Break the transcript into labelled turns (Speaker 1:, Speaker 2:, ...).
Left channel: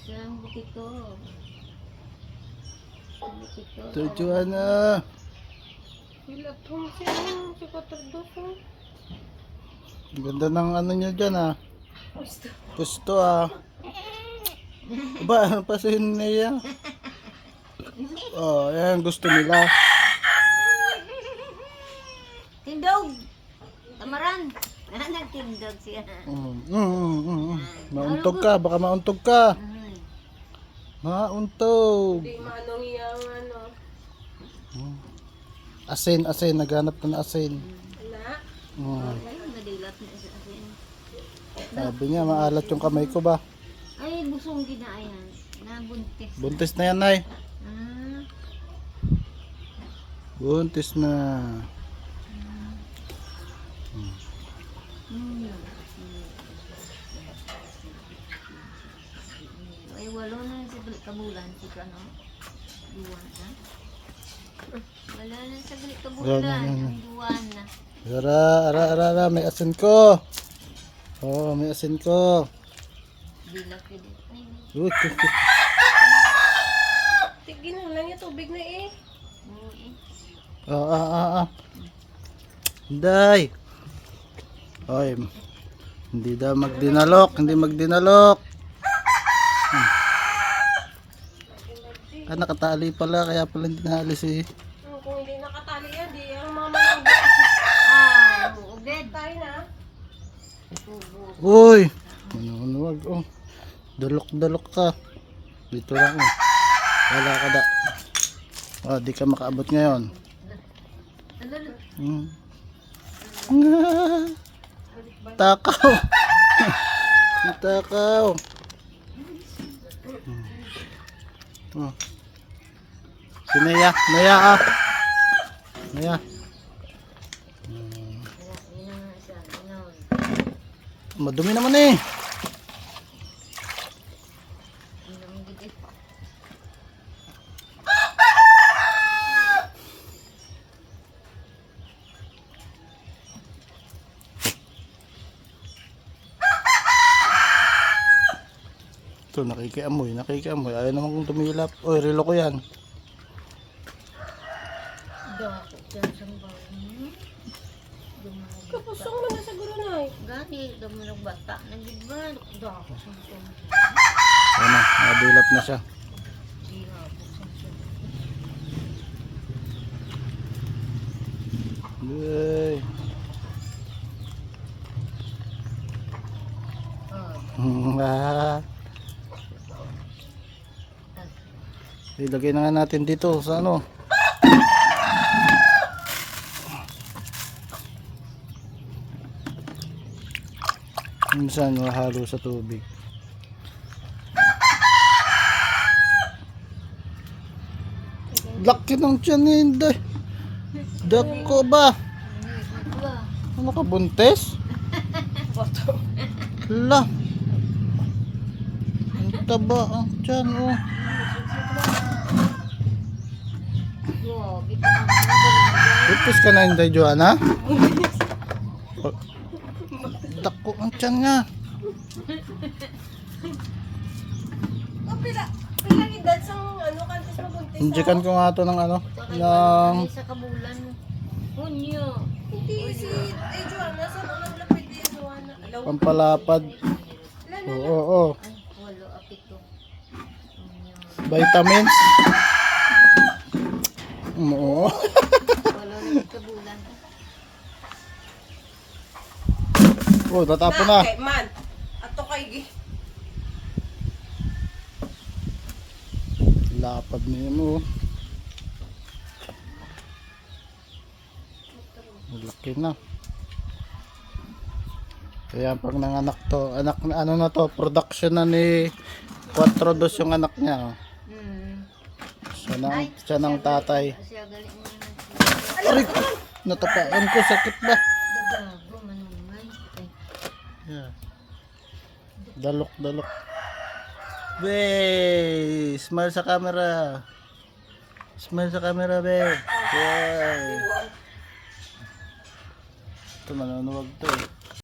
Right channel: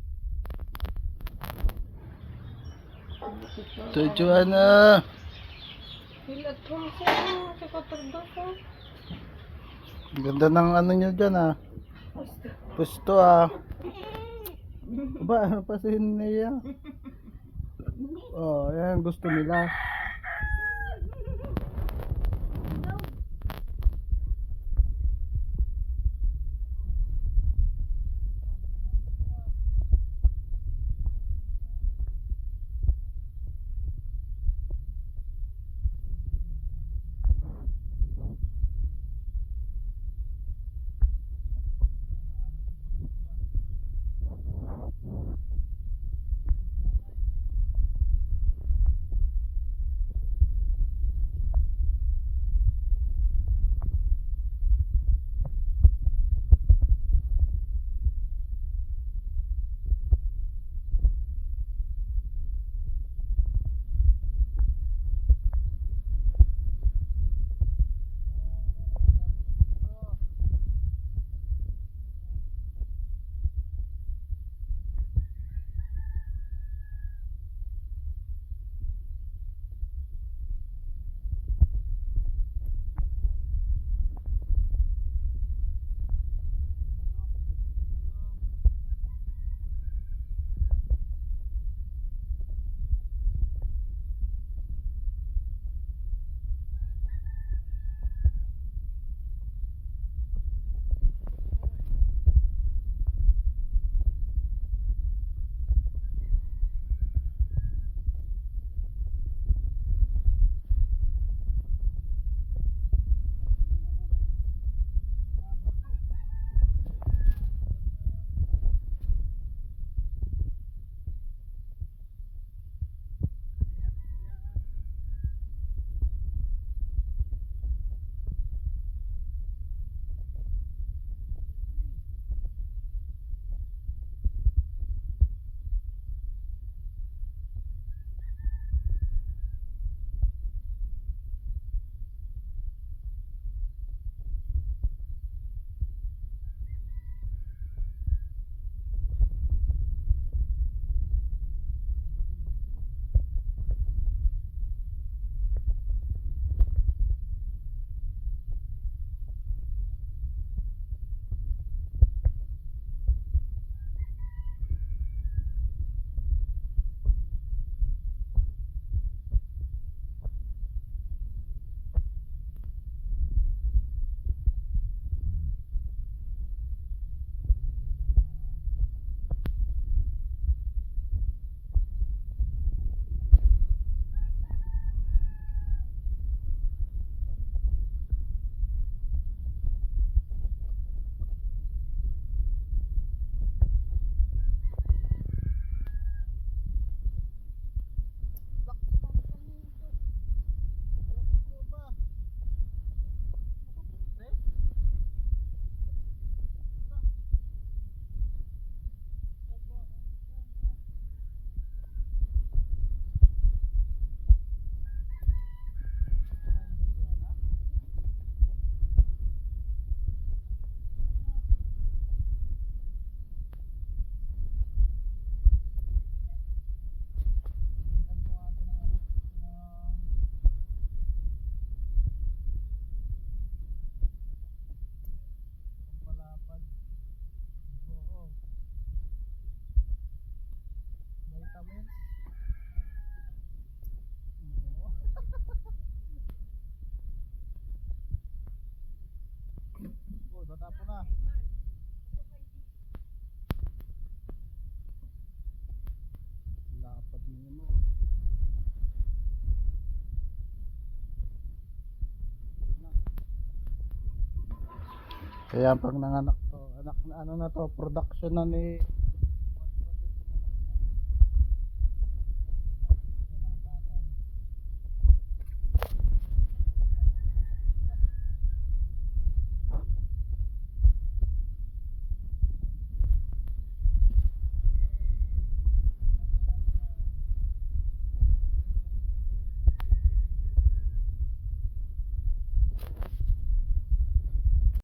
Speaker 1: Isang bukito. Bukito.
Speaker 2: Ito, Joanna.
Speaker 3: Pilat home siya. Si Katardo ko.
Speaker 2: Ang ganda ng ano nyo dyan ah.
Speaker 3: Gusto.
Speaker 2: Pusto ah. Ba, ano pa si niya? Oh, yan gusto nila.
Speaker 1: Tindog! Tamaran! Ah, nagtindog siya.
Speaker 2: Mm, mm, mm, mm. Mauntog ka, baka mauntog ka.
Speaker 1: Ay,
Speaker 2: Mauntog.
Speaker 3: Di manong iyang ano.
Speaker 2: Asin, asin, naghanap ka na asin.
Speaker 3: Na.
Speaker 2: Mm.
Speaker 1: nadilat na sa akin.
Speaker 2: Sabi niya, maalat yung kamay ko ba?
Speaker 1: Ay, busong kinaayan. Nabuntis.
Speaker 2: Buntis na yan, Nay.
Speaker 1: Ah,
Speaker 2: Buntis na.
Speaker 1: hmm. Ay, walo na sa balik kabulan. Si ano? Duwan na. Wala na sa balik kabulan.
Speaker 2: Yan, yan, yan.
Speaker 1: Ang.
Speaker 2: Ara, ara, ara, ara, may asin ko. Oh, may asin ko. Uy.
Speaker 3: Tigin mo lang yung tubig na eh.
Speaker 1: oo.
Speaker 2: Ah, ah, ah, ah. Day. Oy. Hindi daw magdinalok, hindi magdinalok. Ah, nakatali pala, kaya pala hindi naalis eh.
Speaker 3: Kung hindi nakatali yan, di ang mama ng bed.
Speaker 1: Ah, buuged.
Speaker 3: Tayo na.
Speaker 1: Tubo.
Speaker 2: Uy. Ano, ano, wag, oh. Dalok-dalok ka. Dito lang, oh. Wala ka da. Oh, di ka makaabot ngayon. Hmm. Takaw. Takaw. Oh. Si Naya, Naya ah. Naya.
Speaker 1: Yun na nga siya. Ganon.
Speaker 2: Madumi naman eh. Ito, nakikiamoy, nakikiamoy. Ayaw naman kong tumilap. Oy, relo ko yan.
Speaker 3: Kapusong na
Speaker 1: Gani, dumalag bata. Nagigban. Dakot sa
Speaker 2: na, nadilap na siya. Yay. Ilagay na nga natin dito sa ano. Minsan mahalo sa tubig. Laki ng tiyan ni Inday. Dako ba? Ano ka buntes? La. Ang taba ang tiyan oh. Buntis ka na Inday Joanna? Oh. Tiyan nga.
Speaker 3: O pila. Pila edad sa ano kantis mabuntis
Speaker 2: Injikan ko nga to ng ano. Ng...
Speaker 1: Sa kabulan. Hunyo.
Speaker 3: Hindi si ay Joanna sa mga lapit din Joanna.
Speaker 2: Pampalapad. Oo, oo.
Speaker 1: Apito. Hunyo.
Speaker 2: Vitamins. Oo.
Speaker 1: Walo na kabulan.
Speaker 2: Oh, tatapo na.
Speaker 3: Kay man. Ato kay gi.
Speaker 2: Lapad niya mo. oh. Laki na. Kaya pag nanganak to, anak na ano na to, production na ni 4 dos yung anak niya. oh.
Speaker 1: Hmm.
Speaker 2: Siya ng, siya ng tatay. Aray, natapaan ko, sakit ba?
Speaker 1: Dagago, manungay. Ay,
Speaker 2: Yeah. Dalok, dalok. Be, smile sa camera. Smile sa camera, be. Yeah. Ito, manunuwag to eh.